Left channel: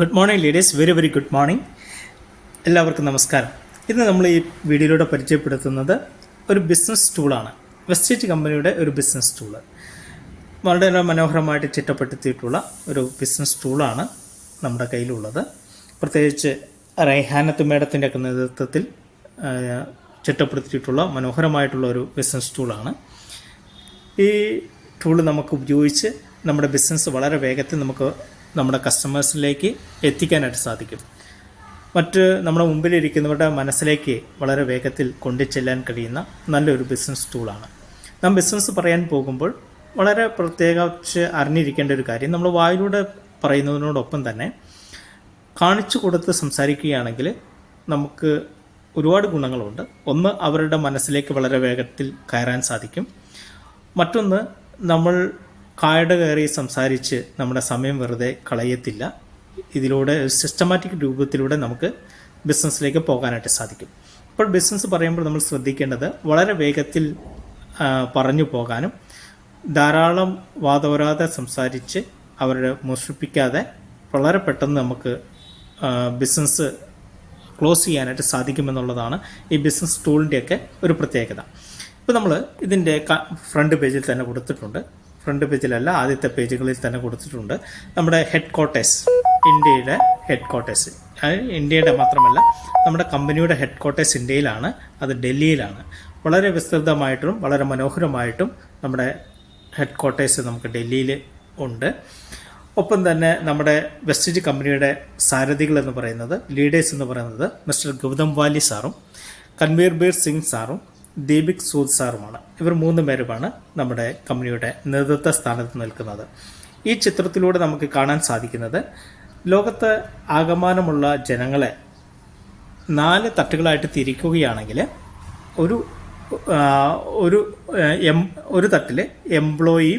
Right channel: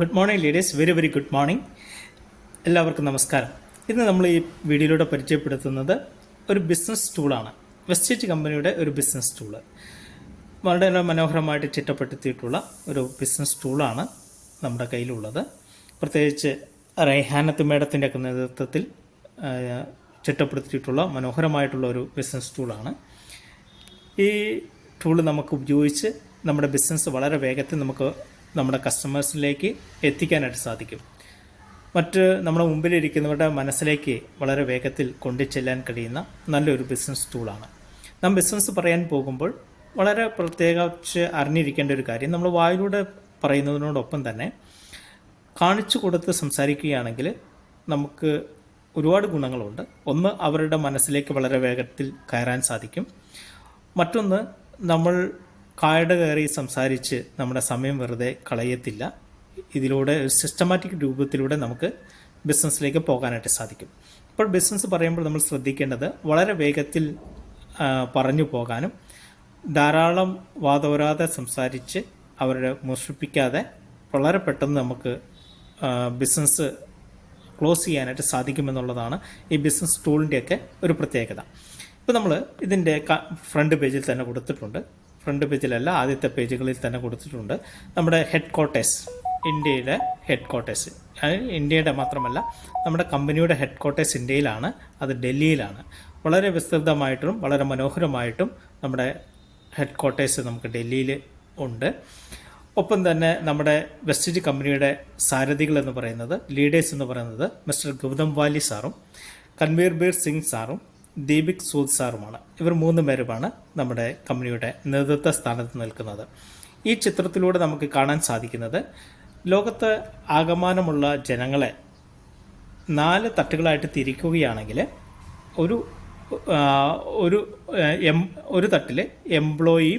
Good morning ladies very very good morning എല്ലാവർക്കും നമസ്കാരം. ഇന്ന് നമ്മൾ ഈ വീഡിയോയിലൂടെ പരിചയപ്പെടുത്തുന്നത് ഒരു ബിസിനസ് ടൂളാണ് വെസ്റ്റേറ്റ് കമ്പനിയുടെ ഒരു ബിസിനസ് ടൂൾ വളരെ മനോഹരമായിട്ട് ചിട്ടപ്പെടുത്തിയിട്ടുള്ള ഒരു ബിസിനസ് ടൂളാണ് നമ്മുടെ കയ്യിലുള്ളത്. പ്രത്യേകിച്ച് റൈഹാനത്ത് മേഡത്തിന്റെ ഒക്കെ നേതൃത്വത്തിൽ ചിട്ടപ്പെടുത്തിയിട്ടുള്ള മനോഹരമായിട്ടുള്ള ഒരു ബിസിനസ് ടൂളാണ് ഈ ടൂൾ നമുക്ക് ഉപയോഗിച്ച് നമ്മുടെ ബിസിനസ് വളരെ വേഗത്തിൽ നമുക്ക് നമ്മുടെ കസ്റ്റമേഴ്സിലേക്ക് എത്തിക്കാനായിട്ട് സാധിക്കും. മറ്റ് നമ്മുടെ മുമ്പിലിരിക്കുന്നവരുടെ മനസ്സിലേക്ക് വളരെ വേഗത്തിൽ കൊണ്ടുചെല്ലാൻ കഴിയുന്ന നല്ലൊരു ബിസിനസ് ടൂളാണ് നാം ബിസിനസ് പറയാൻ പോകുമ്പോൾ വളരെ പ്രത്യേകിച്ച് അറിഞ്ഞിരിക്കേണ്ട ഒരു കാര്യം നമ്മൾ വായിലൂടെ പറയുന്നതിനോടൊപ്പം തന്നെ കാണിച്ചു കൊടുത്ത് സംസാരിക്കുകയാണെങ്കിൽ നമുക്ക് ഒരുപാട് ഗുണങ്ങളുണ്ട്. ഒന്ന് അവരുടെ മനസ്സിലേക്ക് വളരെ വേഗത്തിൽ കയറാൻ സാധിക്കും. മറ്റൊന്ന് നമ്മൾ കായട കയറി സംസാരിച്ച് നമ്മുടെ സമയം വെറുതെ കളയത്തില്ല. ഇതിലൂടെ സിസ്റ്റമാറ്റിക് രൂപത്തിലൂടെ നമുക്ക് ബിസിനസ്സിലേക്ക് പോകാനായിട്ട് സാധിക്കും. അപ്പോൾ ബിസിനസ് പറയുമ്പോൾ നമ്മൾ ശ്രദ്ധിക്കേണ്ടത് വളരെ വേഗത്തിൽ പറഞ്ഞു പോകാനും ധാരാളം വാതോരാതെ സംസാരിച്ച് അവരെ മുഷിപ്പിക്കാതെ വളരെ പെട്ടെന്ന് നമുക്ക് ബിസിനസ് ക്ലോസ് ചെയ്യാനായിട്ട് സാധിക്കുമെന്നുള്ളതാണ് ഈ ബിസിനസ് ടൂളിന്റെയൊക്കെ ഒരു പ്രത്യേകത. ഇപ്പോൾ നമ്മൾ ഇതിന്റെ ഫ്രണ്ട് പേജിൽ തന്നെ കൊടുത്തിട്ടുണ്ട്. ഫ്രണ്ട് പേജിലല്ല ആദ്യത്തെ പേജുകളിൽ തന്നെ കൊടുത്തിട്ടുണ്ട്. നമ്മുടെ ഹെഡ് ക്വാർട്ടേഴ്സ് ഇന്ത്യയുടെ ഹെഡ് ക്വാർട്ടേഴ്സ് ഇന്ത്യയുടെ മാത്രമല്ല നമ്മുടെ കമ്പനിയുടെ ഹെഡ് ക്വാർട്ടേഴ്സ് ഇന്ത്യയിലാണ് അത് ഡൽഹിയിലാണ്. വളരെ വിസ്തൃതമായിട്ടും വളരെ മനോഹരമായിട്ടും നമ്മുടെ ഹെഡ് ക്വാർട്ടേഴ്സ് നമുക്ക് ഡൽഹിയിൽ ഉണ്ട്. ഒപ്പം തന്നെ നമ്മുടെ വെസ്റ്റേജ് കമ്പനിയുടെ സാരഥികൾ എന്ന് പറയുന്നത് ലീഡേഴ്സ് എന്ന് പറയുന്നത് മിസ്റ്റർ ഗൗതം വാലി സാറും കൺവീർ ബീർ സിംഗ് സാറും ദീപിക് സൂദ് സാറുമാണ്. ഇവർ മൂന്ന് പേരുമാണ് നമ്മുടെ കമ്പനിയുടെ നേതൃത്വ സ്ഥാനത്ത് നിൽക്കുന്നത്. ഈ ചിത്രത്തിലൂടെ നമുക്ക് കാണാൻ സാധിക്കുന്നത് ലോകത്ത് ആകമാനമുള്ള ജനങ്ങളെ നാല് തട്ടുകളായിട്ട് തിരിക്കുകയാണെങ്കിൽ ഒരു ഒരു എം ഒരു തട്ടിൽ എംപ്ലോയി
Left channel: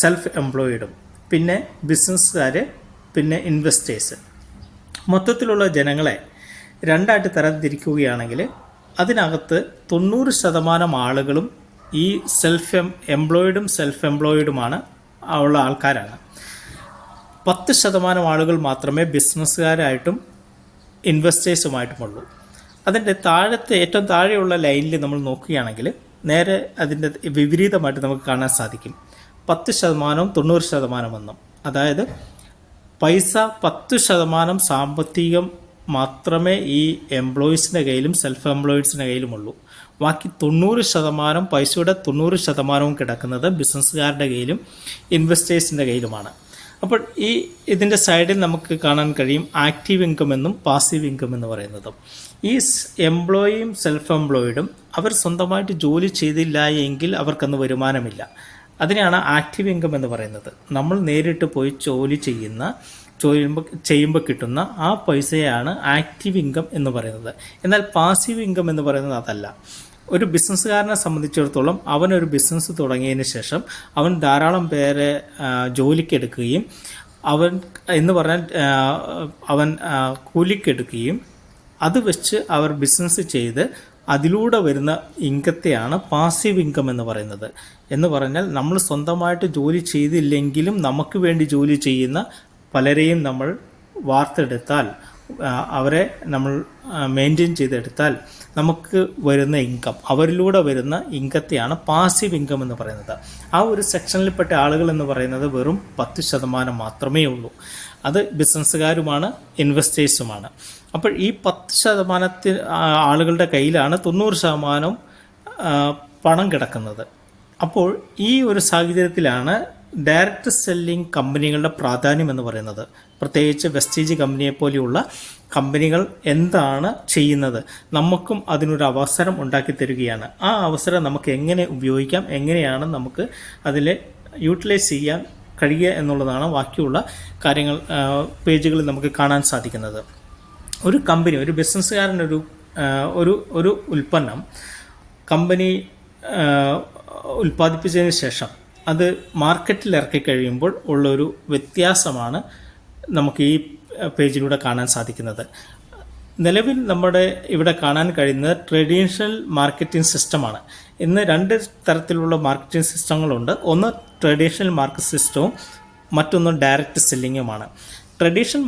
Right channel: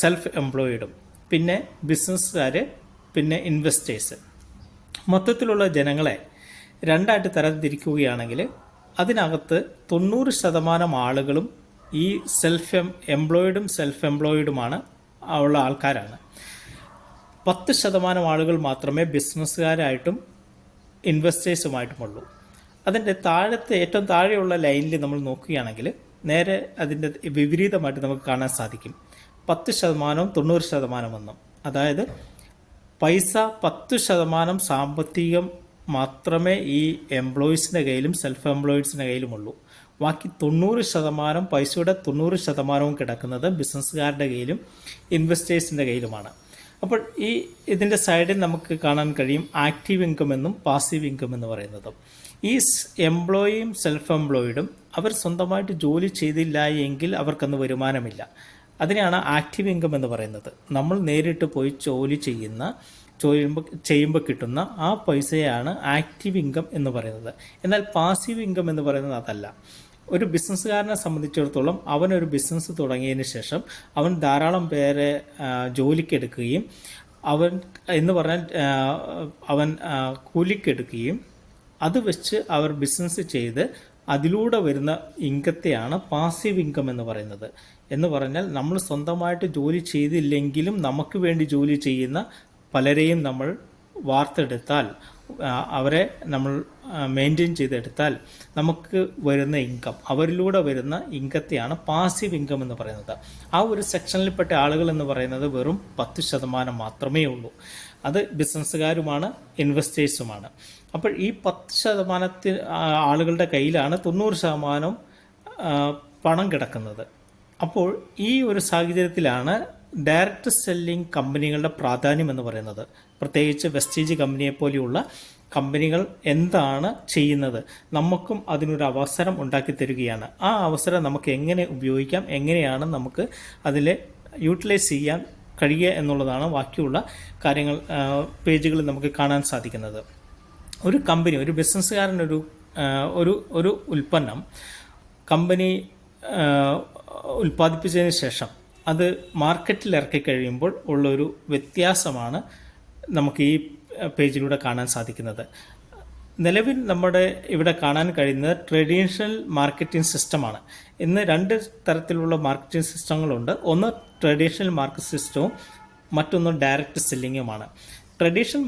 സെൽഫ് എംപ്ലോയിഡും പിന്നെ ബിസിനസ്സുകാർ പിന്നെ ഇൻവെസ്റ്റേഴ്സ് മൊത്തത്തിലുള്ള ജനങ്ങളെ രണ്ടായിട്ട് തരംതിരിക്കുകയാണെങ്കിൽ അതിനകത്ത് തൊണ്ണൂറ് ശതമാനം ആളുകളും ഈ സെൽഫ് എം എംപ്ലോയിഡും സെൽഫ് എംപ്ലോയിഡുമാണ് ഉള്ള ആൾക്കാരാണ്. പത്ത് ശതമാനം ആളുകൾ മാത്രമേ ബിസിനസ്സുകാരായിട്ടും ഇൻവെസ്റ്റേഴ്സുമായിട്ടുമുള്ളൂ അതിന്റെ താഴത്തെ ഏറ്റവും താഴെയുള്ള ലൈനിൽ നമ്മൾ നോക്കുകയാണെങ്കിൽ നേരെ അതിന്റെ വിപരീതമായിട്ട് നമുക്ക് കാണാൻ സാധിക്കും. പത്ത് ശതമാനവും തൊണ്ണൂറ് ശതമാനം എന്നും. അതായത് പൈസ പത്ത് ശതമാനം സാമ്പത്തികം മാത്രമേ ഈ എംപ്ലോയീസിന്റെ കയ്യിലും സെൽഫ് എംപ്ലോയീസിന്റെ കയ്യിലുമുള്ളൂ. ബാക്കി തൊണ്ണൂറ് ശതമാനം പൈസയുടെ തൊണ്ണൂറ് ശതമാനവും കിടക്കുന്നത് ബിസിനസ്സുകാരുടെ കയ്യിലും ഇൻവെസ്റ്റേഴ്സിന്റെ കയ്യിലുമാണ്. അപ്പോൾ ഈ ഇതിന്റെ സൈഡിൽ നമുക്ക് കാണാൻ കഴിയും ആക്റ്റീവ് ഇൻകം എന്നും പാസീവ് ഇൻകം എന്ന് പറയുന്നത്. ഈ എംപ്ലോയിയും സെൽഫ് എംപ്ലോയിഡും അവർ സ്വന്തമായിട്ട് ജോലി ചെയ്തില്ല എങ്കിൽ അവർക്കന്ന് വരുമാനമില്ല. അതിനെയാണ് ആക്റ്റീവ് ഇൻകം എന്ന് പറയുന്നത്. നമ്മൾ നേരിട്ട് പോയി ജോലി ചെയ്യുന്ന ചെയ്യുമ്പോൾ ചെയ്യുമ്പോൾ കിട്ടുന്ന ആ പൈസയാണ് ആക്റ്റീവ് ഇൻകം എന്ന് പറയുന്നത്. എന്നാൽ പാസീവ് ഇൻകം എന്ന് പറയുന്നത് അതല്ല. ഒരു ബിസിനസ്സുകാരനെ സംബന്ധിച്ചിടത്തോളം അവൻ ഒരു ബിസിനസ് തുടങ്ങിയതിന് ശേഷം അവൻ ധാരാളം പേരെ ജോലിക്കെടുക്കുകയും അവൻ എന്ന് പറഞ്ഞാൽ അവൻ കൂലിക്കെടുക്കുകയും അത് വെച്ച് അവർ ബിസിനസ് ചെയ്ത് അതിലൂടെ വരുന്ന ഇൻകത്തെയാണ് പാസീവ് ഇൻകം എന്ന് പറയുന്നത്. എന്ന് പറഞ്ഞാൽ നമ്മൾ സ്വന്തമായിട്ട് ജോലി ചെയ്തില്ലെങ്കിലും നമുക്ക് വേണ്ടി ജോലി ചെയ്യുന്ന പലരെയും നമ്മൾ വാർത്തെടുത്താൽ അവരെ നമ്മൾ മെയിന്റെയിൻ ചെയ്തെടുത്താൽ നമുക്ക് വരുന്ന ഇൻകം അവരിലൂടെ വരുന്ന ഇൻകത്തെയാണ് പാസീവ് ഇൻകം എന്ന് പറയുന്നത്. ആ ഒരു സെക്ഷനിൽപ്പെട്ട ആളുകൾ എന്ന് പറയുന്നത് വെറും പത്ത് ശതമാനം മാത്രമേ ഉള്ളൂ. അത് ബിസിനസ്സുകാരുമാണ് ഇൻവെസ്റ്റേഴ്സുമാണ് അപ്പോൾ ഈ പത്ത് ശതമാനത്തിൽ ആളുകളുടെ കയ്യിലാണ് തൊണ്ണൂറ് ശതമാനം പണം കിടക്കുന്നത്. അപ്പോൾ ഈ ഒരു സാഹചര്യത്തിലാണ് ഡയറക്റ്റ് സെല്ലിംഗ് കമ്പനികളുടെ പ്രാധാന്യം എന്ന് പറയുന്നത്. പ്രത്യേകിച്ച് വെസ്റ്റേജ് കമ്പനിയെ പോലെയുള്ള കമ്പനികൾ എന്താണ് ചെയ്യുന്നത്? നമുക്കും അതിനൊരു അവസരം ഉണ്ടാക്കി തരികയാണ്. ആ അവസരം നമുക്ക് എങ്ങനെ ഉപയോഗിക്കാം? എങ്ങനെയാണ് നമുക്ക് അതിൽ യൂട്ടിലൈസ് ചെയ്യാൻ കഴിയുക എന്നുള്ളതാണ് ബാക്കിയുള്ള കാര്യങ്ങൾ പേജുകളിൽ നമുക്ക് കാണാൻ സാധിക്കുന്നത്. ഒരു കമ്പനി ഒരു ബിസിനസ്സുകാരനൊരു ഒരു ഒരു ഉൽപ്പന്നം കമ്പനി ഉൽപ്പാദിപ്പിച്ചതിന് ശേഷം അത് മാർക്കറ്റിൽ ഇറക്കി കഴിയുമ്പോൾ ഉള്ളൊരു വ്യത്യാസമാണ് നമുക്ക് ഈ പേജിലൂടെ കാണാൻ സാധിക്കുന്നത്. നിലവിൽ നമ്മുടെ ഇവിടെ കാണാൻ കഴിയുന്നത് ട്രഡീഷണൽ മാർക്കറ്റിംഗ് സിസ്റ്റമാണ് ഇന്ന് രണ്ട് തരത്തിലുള്ള മാർക്കറ്റിംഗ് സിസ്റ്റങ്ങളുണ്ട് ഒന്ന് ട്രഡീഷണൽ മാർക്കറ്റ് സിസ്റ്റവും മറ്റൊന്ന് ഡയറക്റ്റ് സെല്ലിങ്ങുമാണ് ട്രഡീഷണൽ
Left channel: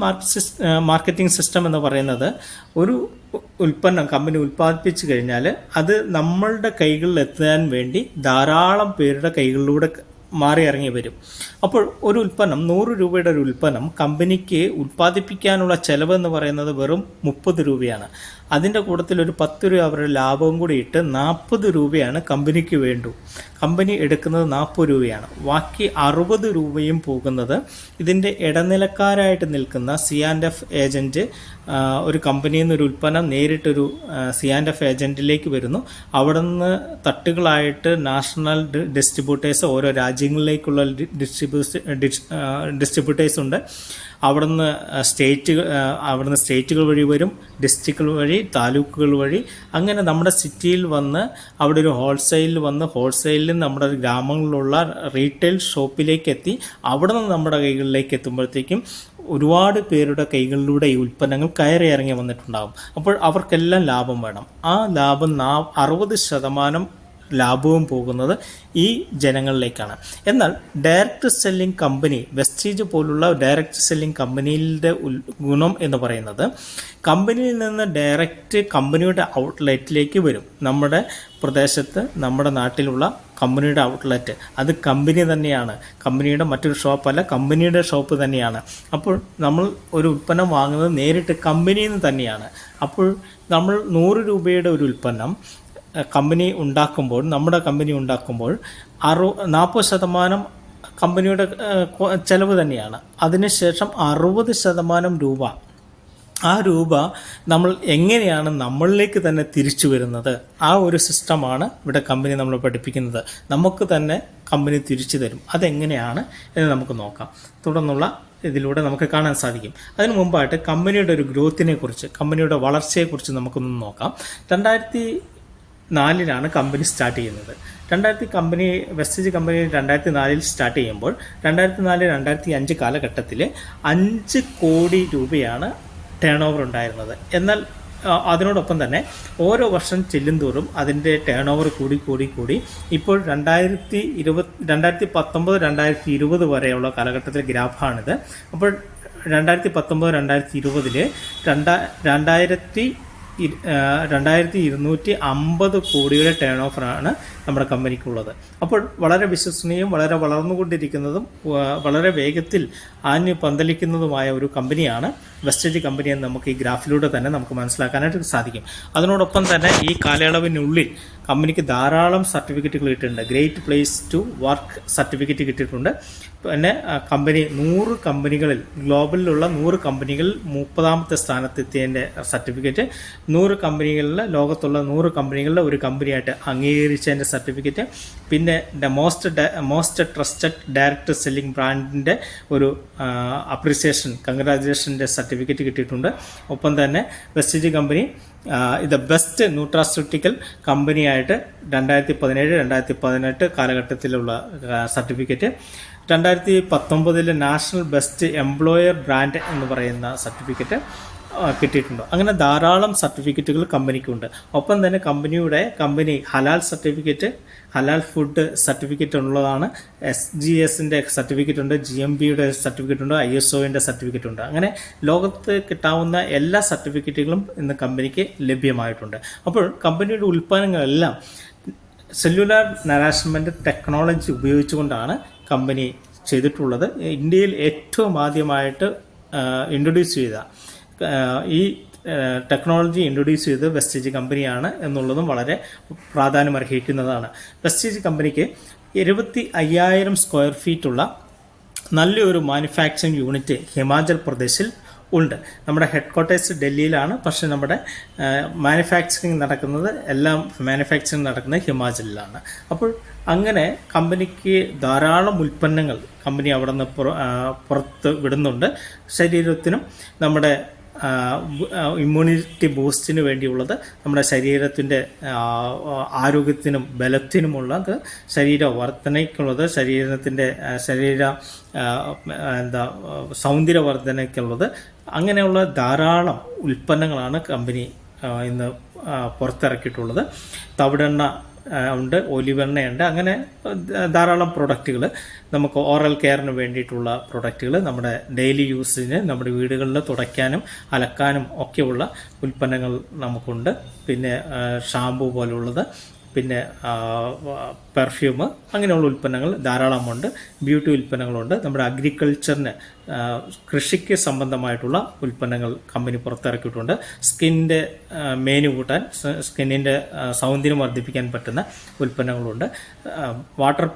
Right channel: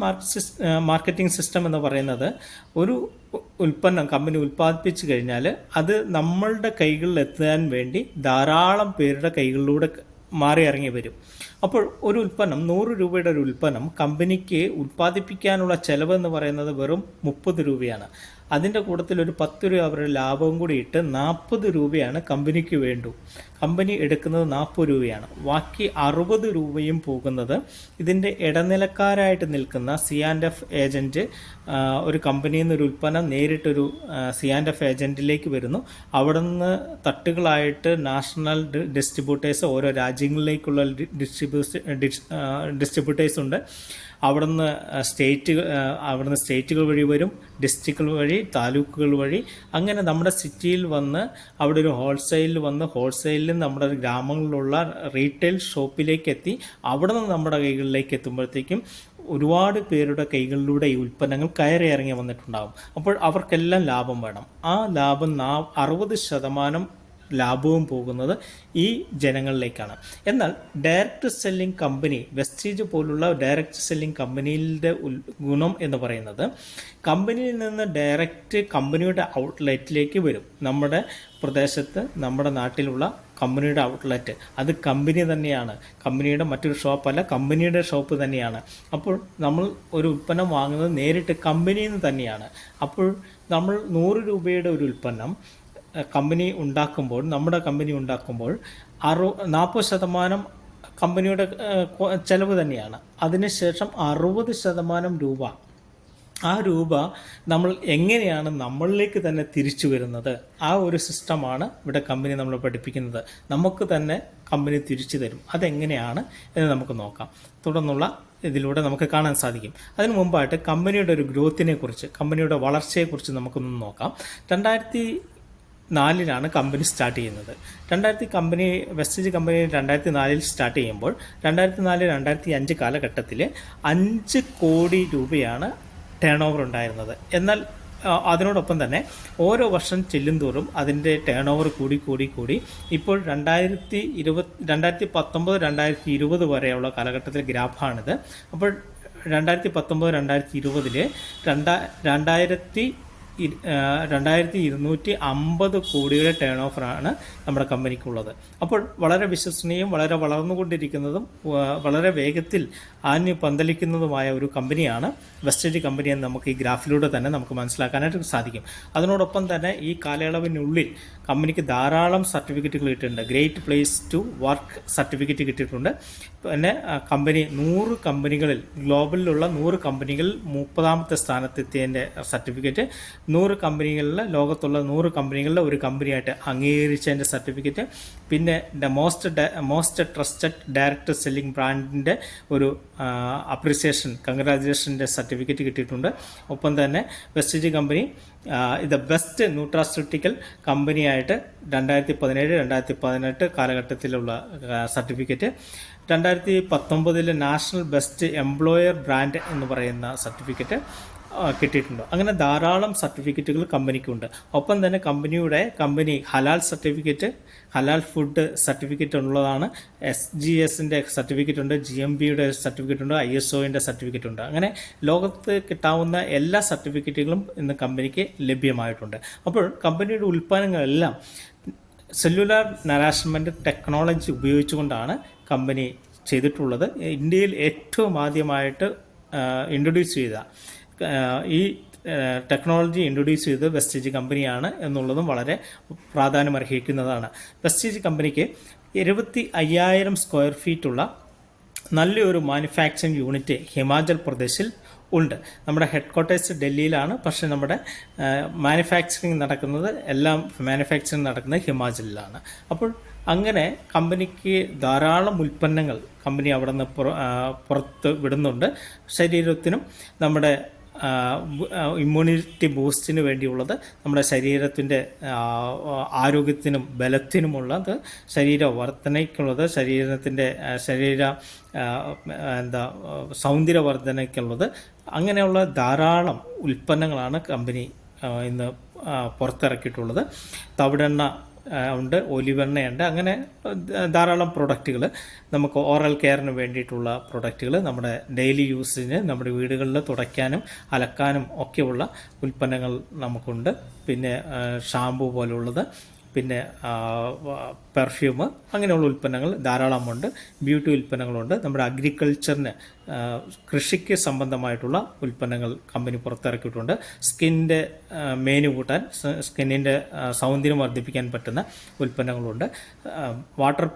മാർക്കറ്റിംഗ് സിസ്റ്റം എന്ന് പറയുന്നത് ഒരു ഉൽപ്പന്നം കമ്പനി ഉൽപ്പാദിപ്പിച്ചു കഴിഞ്ഞാൽ അത് നമ്മളുടെ കൈകളിൽ എത്താൻ വേണ്ടി ധാരാളം പേരുടെ കൈകളിലൂടെ മാറി ഇറങ്ങി വരും അപ്പോൾ ഒരു ഉൽപ്പന്നം നൂറ് രൂപയുടെ ഒരു ഉൽപ്പന്നം കമ്പനിക്ക് ഉൽപ്പാദിപ്പിക്കാനുള്ള ചെലവ് എന്ന് പറയുന്നത് വെറും മുപ്പത് രൂപയാണ്. അതിന്റെ കൂട്ടത്തിൽ ഒരു പത്ത് രൂപ അവരുടെ ലാഭവും കൂടി ഇട്ട് നാൽപ്പത് രൂപയാണ് കമ്പനിക്ക് വേണ്ടു. കമ്പനി എടുക്കുന്നത് നാൽപ്പത് രൂപയാണ്. ബാക്കി അറുപത് രൂപയും പോകുന്നത് ഇതിന്റെ ഇടനിലക്കാരായിട്ട് നിൽക്കുന്ന സി ആൻഡ് എഫ് ഏജന്റ് ഒരു കമ്പനിയിൽ നിന്ന് ഒരു ഉൽപ്പന്നം നേരിട്ടൊരു സി ആൻഡ് എഫ് ഏജന്റിലേക്ക് വരുന്നു. അവിടെ നിന്ന് തട്ടുകളായിട്ട് നാഷണൽ ഡിസ്ട്രിബ്യൂട്ടേഴ്സ് ഓരോ രാജ്യങ്ങളിലേക്കുള്ള ഡിസ്ട്രിബ്യൂസ് ഡിസ്ട്രിബ്യൂട്ടേഴ്സ് ഉണ്ട്. അവിടുന്ന് സ്റ്റേറ്റ് അവിടുന്ന് സ്റ്റേറ്റുകൾ വഴി വരും ഡിസ്ട്രിക്റ്റുകൾ വഴി താലൂക്കുകൾ വഴി. അങ്ങനെ നമ്മുടെ സിറ്റിയിൽ വന്ന് അവിടെ ഒരു ഹോൾസെയിലിൽ വന്ന് ഹോൾസെയിലിൽ നമ്മുടെ ഗ്രാമങ്ങളിലുള്ള റീറ്റെയിൽ ഷോപ്പിലേക്ക് എത്തി അവിടെ നിന്ന് നമ്മുടെ കൈകളിലേക്ക് എത്തുമ്പോഴത്തേക്കും ഒരുപാട് പേരുടെ കൈകളിലൂടെ ഈ ഉൽപ്പന്നങ്ങൾ കയറി ഇറങ്ങി വന്നിട്ടുണ്ടാകും. അപ്പോൾ അവർക്കെല്ലാം ലാഭം വേണം. ആ ലാഭം അറുപത് ശതമാനം ലാഭവും പോകുന്നത് ഈ ജനങ്ങളിലേക്കാണ്. എന്നാൽ ഡയറക്റ്റ് സെല്ലിംഗ് കമ്പനി വെസ്റ്റീജ് പോലുള്ള ഡയറക്റ്റ് സെല്ലിംഗ് കമ്പനിയുടെ ഗുണം എന്ന് പറയുന്നത് കമ്പനിയിൽ നിന്ന് ഡയറക്റ്റ് കമ്പനിയുടെ ഔട്ട്ലെറ്റിലേക്ക് വരും. നമ്മുടെ പ്രദേശത്ത് നമ്മുടെ നാട്ടിലുള്ള കമ്പനിയുടെ ഔട്ട്ലെറ്റ് അത് കമ്പനി തന്നെയാണ്. കമ്പനിയുടെ മറ്റൊരു ഷോപ്പല്ല കമ്പനിയുടെ ഷോപ്പ് തന്നെയാണ്. അപ്പോൾ നമ്മൾ ഒരു ഉൽപ്പന്നം വാങ്ങുന്നത് നേരിട്ട് കമ്പനിയിൽ നിന്ന് തന്നെയാണ്. അപ്പോൾ നമ്മൾ നൂറ് രൂപയുടെ ഒരു ഉൽപ്പന്നം കമ്പനി ഉണ്ടാക്കുമ്പോൾ നമ്മുടെ കമ്പനി ഉണ്ടാക്കുമ്പോൾ അറു നാൽപ്പത് ശതമാനം കമ്പനിയുടെ ചെലവ് തന്നെയാണ്. അതിനുശേഷം അറുപത് ശതമാനം രൂപ. ആ രൂപ നമ്മൾ എങ്ങനെയാണ് നമ്മളിലേക്ക് തന്നെ തിരിച്ചു വരുന്നത്? ആ ഒരു സിസ്റ്റമാണ് ഇവിടെ കമ്പനി നമ്മൾ പഠിപ്പിക്കുന്നത്. നമുക്ക് തന്നെ കമ്പനി തിരിച്ചു തരും. അതെങ്ങനെയാണ് എന്ന് നമുക്ക് നോക്കാം. തുടർന്നുള്ള ഇതിലൂടെ നമുക്ക് കാണാൻ സാധിക്കും. അതിനു മുമ്പായിട്ട് കമ്പനിയുടെ ഒരു ഗ്രോത്തിനെ കുറിച്ച് കമ്പനിയുടെ വളർച്ചയെക്കുറിച്ച് നമുക്കൊന്ന് നോക്കാം. രണ്ടായിരത്തി നാലിലാണ് കമ്പനി സ്റ്റാർട്ട് ചെയ്യുന്നത്. രണ്ടായിരത്തി കമ്പനി വെസ്റ്റേജ് കമ്പനി രണ്ടായിരത്തി നാലിൽ സ്റ്റാർട്ട് ചെയ്യുമ്പോൾ രണ്ടായിരത്തി നാല് രണ്ടായിരത്തി അഞ്ച് കാലഘട്ടത്തിൽ അഞ്ച് കോടി രൂപയാണ് ടേൺ ഓവർ ഉണ്ടായിരുന്നത്. എന്നാൽ അതിനോടൊപ്പം തന്നെ ഓരോ വർഷം ചെല്ലുന്തോറും അതിന്റെ ടേൺ ഓവർ കൂടി കൂടി കൂടി. ഇപ്പോൾ രണ്ടായിരത്തി ഇരുപത് രണ്ടായിരത്തി പത്തൊമ്പത് രണ്ടായിരത്തി ഇരുപത് വരെയുള്ള കാലഘട്ടത്തിലെ ഗ്രാഫാണിത്. അപ്പോൾ രണ്ടായിരത്തി പത്തൊമ്പത് രണ്ടായിരത്തി ഇരുപതിൽ രണ്ടാ രണ്ടായിരത്തി രണ്ടായിരത്തി ഇരുന്നൂറ്റി അമ്പത് കോടിയുടെ ടേൺ ഓഫറാണ് നമ്മുടെ കമ്പനിക്കുള്ളത്. അപ്പോൾ വളരെ വിശ്വസനീയം വളരെ വളർന്നുകൊണ്ടിരിക്കുന്നതും വളരെ വേഗത്തിൽ ആഞ്ഞു പന്തലിക്കുന്നതുമായ ഒരു കമ്പനിയാണ് വെസ്റ്റേജ് കമ്പനി എന്ന് നമുക്ക് ഈ ഗ്രാഫിലൂടെ തന്നെ നമുക്ക് മനസ്സിലാക്കാനായിട്ട് സാധിക്കും. അതിനോടൊപ്പം തന്നെ ഈ കാലയളവിനുള്ളിൽ കമ്പനിക്ക് ധാരാളം സർട്ടിഫിക്കറ്റുകൾ കിട്ടിയിട്ടുണ്ട്. Great place to work certificate കിട്ടിയിട്ടുണ്ട്. പിന്നെ കമ്പനി നൂറ് കമ്പനികളിൽ ഗ്ലോബലിലുള്ള നൂറ് കമ്പനികളിൽ മുപ്പതാമത്തെ സ്ഥാനത്തെത്തിയതിന്റെ സർട്ടിഫിക്കറ്റ് നൂറ് കമ്പനികളിൽ ലോകത്തുള്ള നൂറ് കമ്പനികളിലെ ഒരു കമ്പനിയായിട്ട് അംഗീകരിച്ചതിന്റെ സർട്ടിഫിക്കറ്റ് പിന്നെ the most most trusted direct selling ബ്രാൻഡിന്റെ ഒരു അപ്രിസിയേഷൻ കൺഗ്രാജുലേഷന്റെ സർട്ടിഫിക്കറ്റ് കിട്ടിയിട്ടുണ്ട്. ഒപ്പം തന്നെ വെസ്റ്റ് കമ്പനി ഇത് ബെസ്റ്റ് ന്യൂട്രാസ്യൂട്ടിക്കൽ കമ്പനിയായിട്ട് രണ്ടായിരത്തി പതിനേഴ് രണ്ടായിരത്തി പതിനെട്ട് കാലഘട്ടത്തിലുള്ള സർട്ടിഫിക്കറ്റ്. രണ്ടായിരത്തി പത്തൊമ്പതിൽ നാഷണൽ ബെസ്റ്റ് എംപ്ലോയർ ബ്രാൻഡ് എന്ന് പറയുന്ന സർട്ടിഫിക്കറ്റ് കിട്ടിയിട്ടുണ്ട്. അങ്ങനെ ധാരാളം സർട്ടിഫിക്കറ്റുകൾ കമ്പനിക്കുണ്ട്. ഒപ്പം തന്നെ കമ്പനിയുടെ കമ്പനി ഹലാൽ സർട്ടിഫിക്കറ്റ് ഹലാൽ ഫുഡ് സർട്ടിഫിക്കറ്റ് ഉള്ളതാണ്. എസ് ജി എസിന്റെ സർട്ടിഫിക്കറ്റ് ഉണ്ട് ജി എം ബിയുടെ സർട്ടിഫിക്കറ്റ് ഉണ്ട് ഐ എസ് ഒന്റെ സർട്ടിഫിക്കറ്റ് ഉണ്ട്. അങ്ങനെ ലോകത്ത് കിട്ടാവുന്ന എല്ലാ സർട്ടിഫിക്കറ്റുകളും ഇന്ന് കമ്പനിക്ക് ലഭ്യമായിട്ടുണ്ട്. അപ്പോൾ കമ്പനിയുടെ ഉൽപ്പന്നങ്ങളെല്ലാം സെല്ലുലാർ നരാഷ്മെന്റ് ടെക്നോളജി ഉപയോഗിച്ചുകൊണ്ടാണ് കമ്പനി ചെയ്തിട്ടുള്ളത്. ഇന്ത്യയിൽ ഏറ്റവും ആദ്യമായിട്ട് ഇൻട്രൊഡ്യൂസ് ചെയ്ത ഈ ടെക്നോളജി ഇൻട്രൊഡ്യൂസ് ചെയ്ത് വെസ്റ്റേജ് കമ്പനിയാണ് എന്നുള്ളതും വളരെ പ്രാധാന്യം അർഹിക്കുന്നതാണ്. വെസ്റ്റേജ് കമ്പനിക്ക് ഇരുപത്തി അയ്യായിരം സ്ക്വയർ ഫീറ്റുള്ള നല്ലൊരു മാനുഫാക്ചറിങ് യൂണിറ്റ് ഹിമാചൽ പ്രദേശിൽ ഉണ്ട്. നമ്മുടെ ഹെഡ് ക്വാർട്ടേഴ്സ് ഡൽഹിയിലാണ്. പക്ഷെ നമ്മുടെ മാനുഫാക്ചറിങ് നടക്കുന്നത് എല്ലാം മാനുഫാക്ചറിങ് നടക്കുന്നത് ഹിമാചലിലാണ്. അപ്പോൾ അങ്ങനെ കമ്പനിക്ക് ധാരാളം ഉൽപ്പന്നങ്ങൾ കമ്പനി അവിടെ നിന്ന് പുറത്ത് വിടുന്നുണ്ട്. ശരീരത്തിനും നമ്മുടെ ഇമ്മ്യൂണിറ്റി ബൂസ്റ്റിന് വേണ്ടിയുള്ളത് നമ്മുടെ ശരീരത്തിന്റെ ആരോഗ്യത്തിനും ബലത്തിനുമുള്ളത് ശരീര വർധനയ്ക്കുള്ളത് ശരീരത്തിന്റെ ശരീര എന്താ സൗന്ദര്യവർദ്ധനയ്ക്കുള്ളത് അങ്ങനെയുള്ള ധാരാളം ഉൽപ്പന്നങ്ങളാണ് കമ്പനി ഇന്ന് പുറത്തിറക്കിയിട്ടുള്ളത്. തവിടെണ്ണ ഉണ്ട് ഒലിവെണ്ണയുണ്ട്. അങ്ങനെ ധാരാളം പ്രൊഡക്റ്റുകൾ നമുക്ക് ഓറൽ കെയറിന് വേണ്ടിയിട്ടുള്ള പ്രൊഡക്റ്റുകൾ നമ്മുടെ ഡെയിലി യൂസിന് നമ്മുടെ വീടുകളിൽ തുടയ്ക്കാനും അലക്കാനും ഒക്കെയുള്ള ഉൽപ്പന്നങ്ങൾ നമുക്കുണ്ട്. പിന്നെ ഷാമ്പു പോലുള്ളത്. പിന്നെ പെർഫ്യൂം അങ്ങനെയുള്ള ഉൽപ്പന്നങ്ങൾ ധാരാളമുണ്ട്. ബ്യൂട്ടി ഉൽപ്പന്നങ്ങളുണ്ട്. നമ്മുടെ അഗ്രികൾച്ചറിന് കൃഷിക്ക് സംബന്ധമായിട്ടുള്ള ഉൽപ്പന്നങ്ങൾ കമ്പനി പുറത്തിറക്കിയിട്ടുണ്ട്. സ്കിന്നിന്റെ മേനു കൂട്ടാൻ സ്കിന്നിന്റെ സൗന്ദര്യം വർദ്ധിപ്പിക്കാൻ പറ്റുന്ന ഉൽപ്പന്നങ്ങളുണ്ട്. വാട്ടർ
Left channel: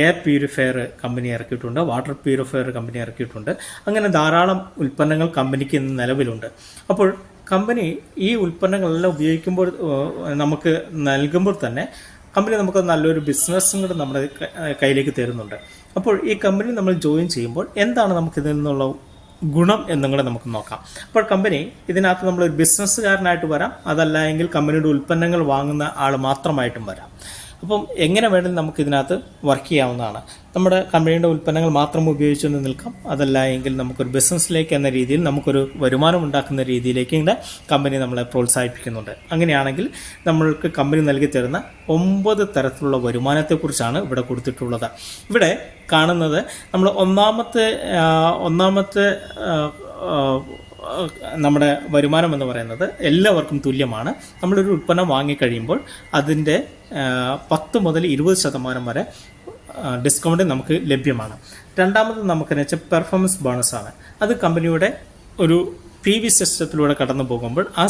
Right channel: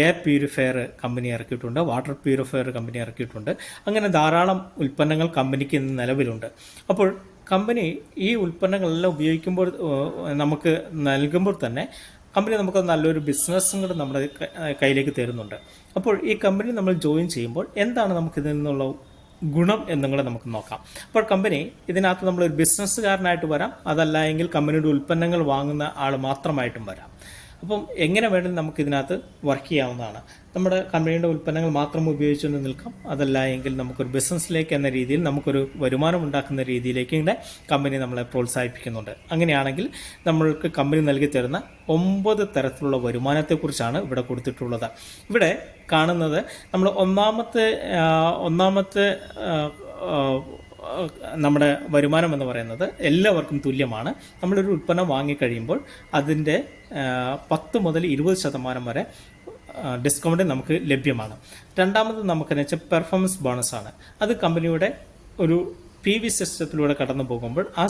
എയർ പ്യൂരിഫയർ കമ്പനി ഇറക്കിയിട്ടുണ്ട്. വാട്ടർ പ്യൂരിഫയർ കമ്പനി ഇറക്കിയിട്ടുണ്ട്. അങ്ങനെ ധാരാളം ഉൽപ്പന്നങ്ങൾ കമ്പനിക്ക് ഇന്ന് നിലവിലുണ്ട്. അപ്പോൾ കമ്പനി ഈ ഉൽപ്പന്നങ്ങളെല്ലാം ഉപയോഗിക്കുമ്പോൾ നമുക്ക് നൽകുമ്പോൾ തന്നെ കമ്പനി നമുക്ക് നല്ലൊരു ബിസിനസ്സും കൂടെ നമ്മുടെ കയ്യിലേക്ക് തരുന്നുണ്ട്. അപ്പോൾ ഈ കമ്പനി നമ്മൾ ജോയിൻ ചെയ്യുമ്പോൾ എന്താണ് നമുക്ക് ഇതിൽ നിന്നുള്ള ഗുണം എന്നും കൂടെ നമുക്ക് നോക്കാം. അപ്പോൾ കമ്പനി ഇതിനകത്ത് നമ്മൾ ഒരു ബിസിനസ്സുകാരനായിട്ട് വരാം. അതല്ല എങ്കിൽ കമ്പനിയുടെ ഉൽപ്പന്നങ്ങൾ വാങ്ങുന്ന ആൾ മാത്രമായിട്ടും വരാം. അപ്പം എങ്ങനെ വേണമെങ്കിലും നമുക്ക് ഇതിനകത്ത് വർക്ക് ചെയ്യാവുന്നതാണ്. നമ്മുടെ കമ്പനിയുടെ ഉൽപ്പന്നങ്ങൾ മാത്രം ഉപയോഗിച്ചുകൊണ്ട് നിൽക്കാം. അതല്ല എങ്കിൽ നമുക്കൊരു ബിസിനസ്സിലേക്ക് എന്ന രീതിയിൽ നമുക്കൊരു വരുമാനം ഉണ്ടാക്കുന്ന രീതിയിലേക്ക് ഇങ്ങനെ കമ്പനി നമ്മളെ പ്രോത്സാഹിപ്പിക്കുന്നുണ്ട്. അങ്ങനെയാണെങ്കിൽ നമ്മൾക്ക് കമ്പനി നൽകി തരുന്ന ഒമ്പത് തരത്തിലുള്ള വരുമാനത്തെക്കുറിച്ചാണ് ഇവിടെ കൊടുത്തിട്ടുള്ളത്. ഇവിടെ കാണുന്നത് നമ്മൾ ഒന്നാമത്തെ ഒന്നാമത്തെ നമ്മുടെ വരുമാനം എന്ന് പറയുന്നത് എല്ലാവർക്കും തുല്യമാണ്. നമ്മളൊരു ഉൽപ്പന്നം വാങ്ങിക്കഴിയുമ്പോൾ അതിന്റെ പത്ത് മുതൽ ഇരുപത് ശതമാനം വരെ ഡിസ്കൗണ്ട് നമുക്ക് ലഭ്യമാണ്. രണ്ടാമത് നമുക്കെന്ന് വെച്ചാൽ പെർഫോമൻസ് ബോണസ് ആണ്. അത് കമ്പനിയുടെ ഒരു പി വി സിസ്റ്റത്തിലൂടെ കടന്നു പോകുമ്പോൾ ആ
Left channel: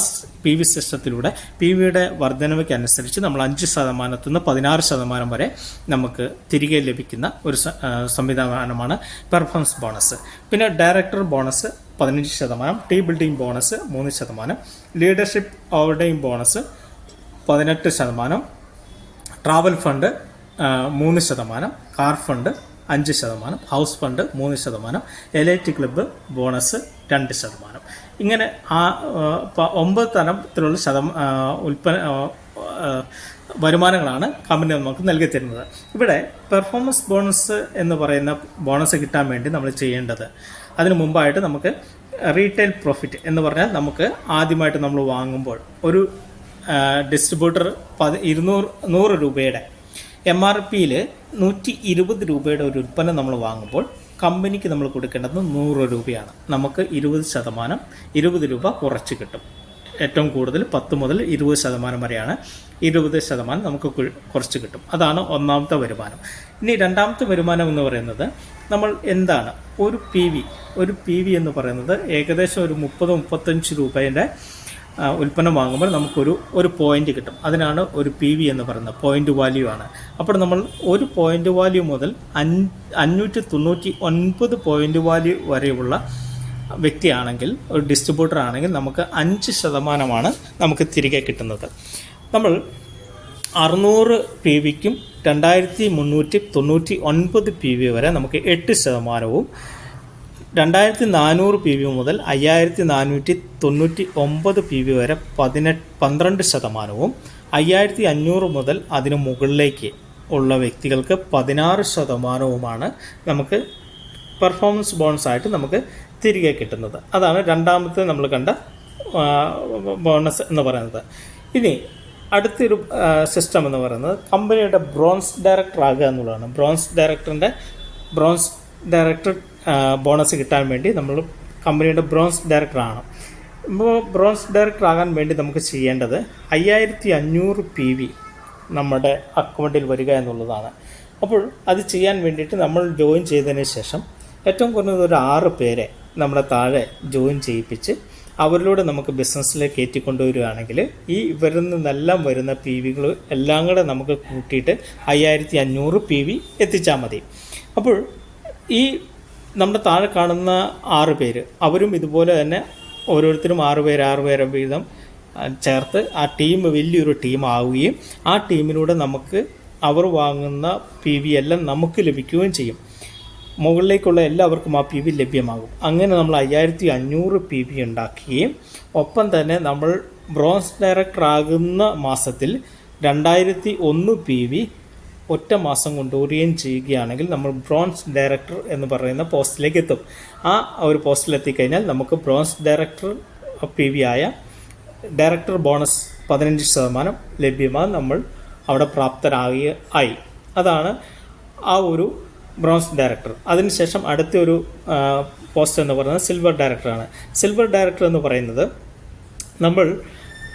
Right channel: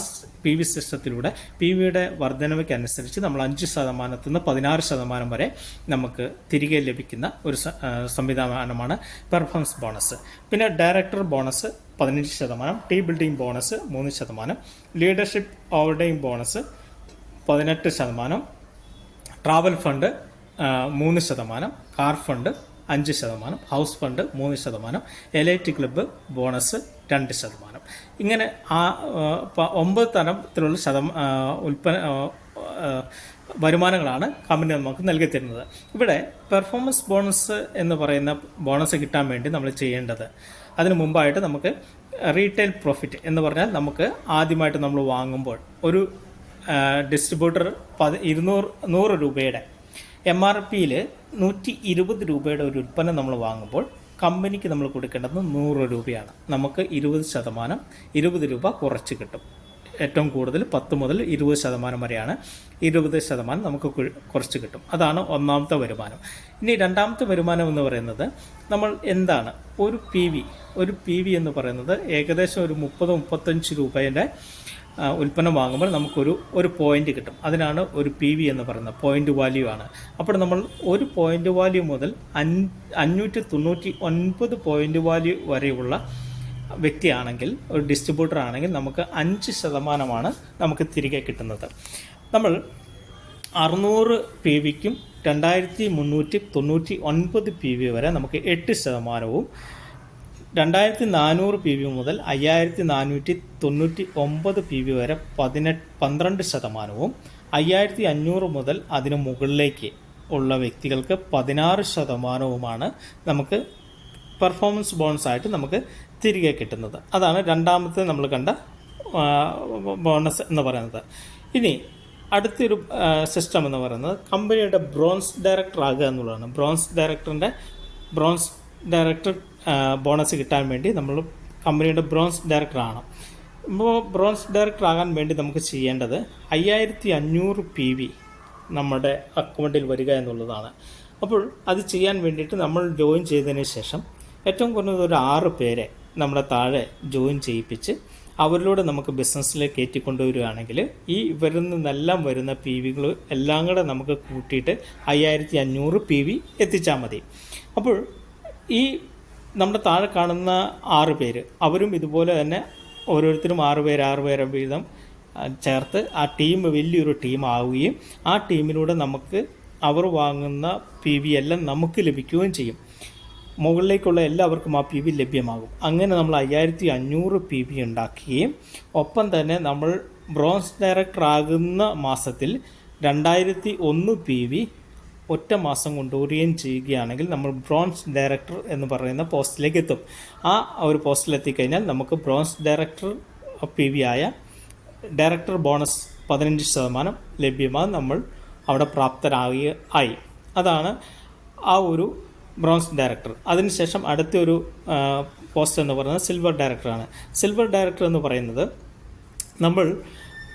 പി വി സിസ്റ്റത്തിലൂടെ പി വിയുടെ വർധനവയ്ക്ക് അനുസരിച്ച് നമ്മൾ അഞ്ച് ശതമാനത്തിൽ നിന്ന് പതിനാറ് ശതമാനം വരെ നമുക്ക് തിരികെ ലഭിക്കുന്ന ഒരു സംവിധാനമാണ് പെർഫോമൻസ് ബോണസ് പിന്നെ ഡയറക്ടർ ബോണസ് പതിനഞ്ച് ശതമാനം ടീം ബിൽഡിംഗ് ബോണസ് മൂന്ന് ശതമാനം ലീഡർഷിപ്പ് ഓവർഡെയിം ബോണസ് പതിനെട്ട് ശതമാനം ട്രാവൽ ഫണ്ട് മൂന്ന് ശതമാനം. കാർ ഫണ്ട് അഞ്ച് ശതമാനം. ഹൗസ് ഫണ്ട് മൂന്ന് ശതമാനം. എലൈറ്റ് ക്ലബ്ബ് ബോണസ് രണ്ട് ശതമാനം. ഇങ്ങനെ ആ ഒമ്പത് തരത്തിലുള്ള ശതമാ ഉൽപ്പന്ന വരുമാനങ്ങളാണ് കമ്പനി നമുക്ക് നൽകി തരുന്നത് ഇവിടെ പെർഫോമൻസ് ബോണസ് എന്ന് പറയുന്ന ബോണസ് കിട്ടാൻ വേണ്ടി നമ്മൾ ചെയ്യേണ്ടത് അതിനു മുമ്പായിട്ട് നമുക്ക് റീറ്റെയിൽ പ്രോഫിറ്റ് എന്ന് പറഞ്ഞാൽ നമുക്ക് ആദ്യമായിട്ട് നമ്മൾ വാങ്ങുമ്പോൾ ഒരു ഡിസ്ട്രിബ്യൂട്ടർ പതി ഇരുന്നൂറ് നൂറ് രൂപയുടെ എം ആർ പിയിൽ നൂറ്റി ഇരുപത് രൂപയുടെ ഒരു ഉൽപ്പന്നം നമ്മൾ വാങ്ങുമ്പോൾ കമ്പനിക്ക് നമ്മൾ കൊടുക്കേണ്ടത് നൂറ് രൂപയാണ്. നമുക്ക് ഇരുപത് ശതമാനം ഇരുപത് രൂപ കുറച്ച് കിട്ടും. ഏറ്റവും കൂടുതൽ പത്ത് മുതൽ ഇരുപത് ശതമാനം വരെയാണ് ഇരുപത് ശതമാനം നമുക്ക് കുറച്ച് കിട്ടും. അതാണ് ഒന്നാമത്തെ വരുമാനം. ഇനി രണ്ടാമത്തെ വരുമാനം എന്ന് പറയുന്നത് നമ്മൾ എന്താണ്? ഒരു പി വി ഒരു പി വി എന്ന് പറയുന്നത് ഏകദേശം ഒരു മുപ്പത് മുപ്പത്തഞ്ച് ആ, ഉൽപ്പന്നം വാങ്ങുമ്പോൾ നമുക്കൊരു ഒരു പോയിന്റ് കിട്ടും. അതിനാണ് ഒരു പി വി എന്ന് പറയുന്നത്. പോയിന്റ് വാല്യൂ ആണ്. അപ്പോൾ നമ്മൾ ഒരു പോയിന്റ് വാല്യൂ മുതൽ അഞ്ഞൂറ്റി തൊണ്ണൂറ്റി ഒൻപത് പോയിന്റ് വാല്യൂ വരെയുള്ള വ്യക്തിയാണെങ്കിൽ ഒരു ഡിസ്ട്രിബ്യൂട്ടർ ആണെങ്കിൽ നമുക്ക് അഞ്ച് ശതമാനമാണ് നമുക്ക് തിരികെ കിട്ടുന്നത്. നമ്മൾ അറുന്നൂറ് പി വിക്കും രണ്ടായിരത്തി മുന്നൂറ്റി തൊണ്ണൂറ്റി ഒൻപത് പി വി വരെ നമുക്ക് എട്ട് ശതമാനവും രണ്ടായിരത്തി നാനൂറ് പി വി മുതൽ അയ്യായിരത്തി നാനൂറ്റി തൊണ്ണൂറ്റി ഒമ്പത് പി വി വരെ പതിനെട്ട് പന്ത്രണ്ട് ശതമാനവും അയ്യായിരത്തി അഞ്ഞൂറ് മുതൽ അതിന് മുകളിലേക്ക് ഉള്ള വ്യക്തികൾക്ക് പതിനാറ് ശതമാനവുമാണ് നമുക്ക് പെർഫോമൻസ് ബോണസ് ആയിട്ട് നമുക്ക് തിരികെ കിട്ടുന്നത്. അതാണ് രണ്ടാമത്തെ നമ്മൾ കണ്ട ബോണസ് എന്ന് പറയുന്നത്. ഇനി അടുത്തൊരു സിസ്റ്റം എന്ന് പറയുന്നത് കമ്പനിയുടെ ബ്രോൺസ് ഡയറക്ടർ ആകുക എന്നുള്ളതാണ്. ബ്രോൺസ് ഡയറക്ടറിന്റെ ബ്രോൺസ് ഡയറക്ടർ ബോണസ് കിട്ടാൻ വേണ്ടി നമ്മൾ കമ്പനിയുടെ ബ്രോൺസ് ഡയറക്ടറാണ്. ഇപ്പോൾ ബ്രോൺസ് ഡയറക്ടർ ആകാൻ വേണ്ടി നമുക്ക് ചെയ്യേണ്ടത് അയ്യായിരത്തി അഞ്ഞൂറ് പി വി നമ്മുടെ അക്കൗണ്ടിൽ വരിക എന്നുള്ളതാണ്. അപ്പോൾ അത് ചെയ്യാൻ വേണ്ടിയിട്ട് നമ്മൾ ജോയിൻ ചെയ്തതിന് ശേഷം ഏറ്റവും കുറഞ്ഞത് ഒരു ആറ് പേരെ നമ്മുടെ താഴെ ജോയിൻ ചെയ്യിപ്പിച്ച് അവരിലൂടെ നമുക്ക് ബിസിനസ്സിലേക്ക് കയറ്റിക്കൊണ്ടുവരികയാണെങ്കിൽ ഈ ഇവരിൽ നിന്നെല്ലാം വരുന്ന പി വികൾ എല്ലാം കൂടെ നമുക്ക് കൂട്ടിയിട്ട് അയ്യായിരത്തി അഞ്ഞൂറ് പി വി എത്തിച്ചാൽ മതി. അപ്പോൾ ഈ നമ്മുടെ താഴെ കാണുന്ന ആറ് പേര്. അവരും ഇതുപോലെ തന്നെ ഓരോരുത്തരും ആറ് പേര് ആറ് പേരെ വീതം ചേർത്ത് ആ ടീം വലിയൊരു ടീം ആവുകയും ആ ടീമിലൂടെ നമുക്ക് അവർ വാങ്ങുന്ന പി വി എല്ലാം നമുക്ക് ലഭിക്കുകയും ചെയ്യും. മുകളിലേക്കുള്ള എല്ലാവർക്കും ആ പി വി ലഭ്യമാകും. അങ്ങനെ നമ്മൾ അയ്യായിരത്തി അഞ്ഞൂറ് പി വി ഉണ്ടാക്കുകയും ഒപ്പം തന്നെ നമ്മൾ ബ്രോൺസ് ഡയറക്ടർ ആകുന്ന മാസത്തിൽ രണ്ടായിരത്തി ഒന്ന് പി വി ഒറ്റ മാസം കൊണ്ട് കൊണ്ടുവരികയും ചെയ്യുകയാണെങ്കിൽ നമ്മൾ ബ്രോൺസ് ഡയറക്ടർ എന്ന് പറയുന്ന പോസ്റ്റിലേക്ക് എത്തും. ആ ഒരു പോസ്റ്റിൽ എത്തിക്കഴിഞ്ഞാൽ നമുക്ക് ബ്രോൺസ് ഡയറക്ടർ പി വി ആയ ഡയറക്ടർ ബോണസ് പതിനഞ്ച് ശതമാനം ലഭ്യമാണ് നമ്മൾ അവിടെ പ്രാപ്തരാകുക ആയി. അതാണ് ആ ഒരു ബ്രോൺസ് ഡയറക്ടർ. അതിനുശേഷം അടുത്ത ഒരു പോസ്റ്റ് എന്ന് പറയുന്നത് സിൽവർ ഡയറക്ടറാണ് സിൽവർ ഡയറക്ടർ എന്ന് പറയുന്നത് നമ്മൾ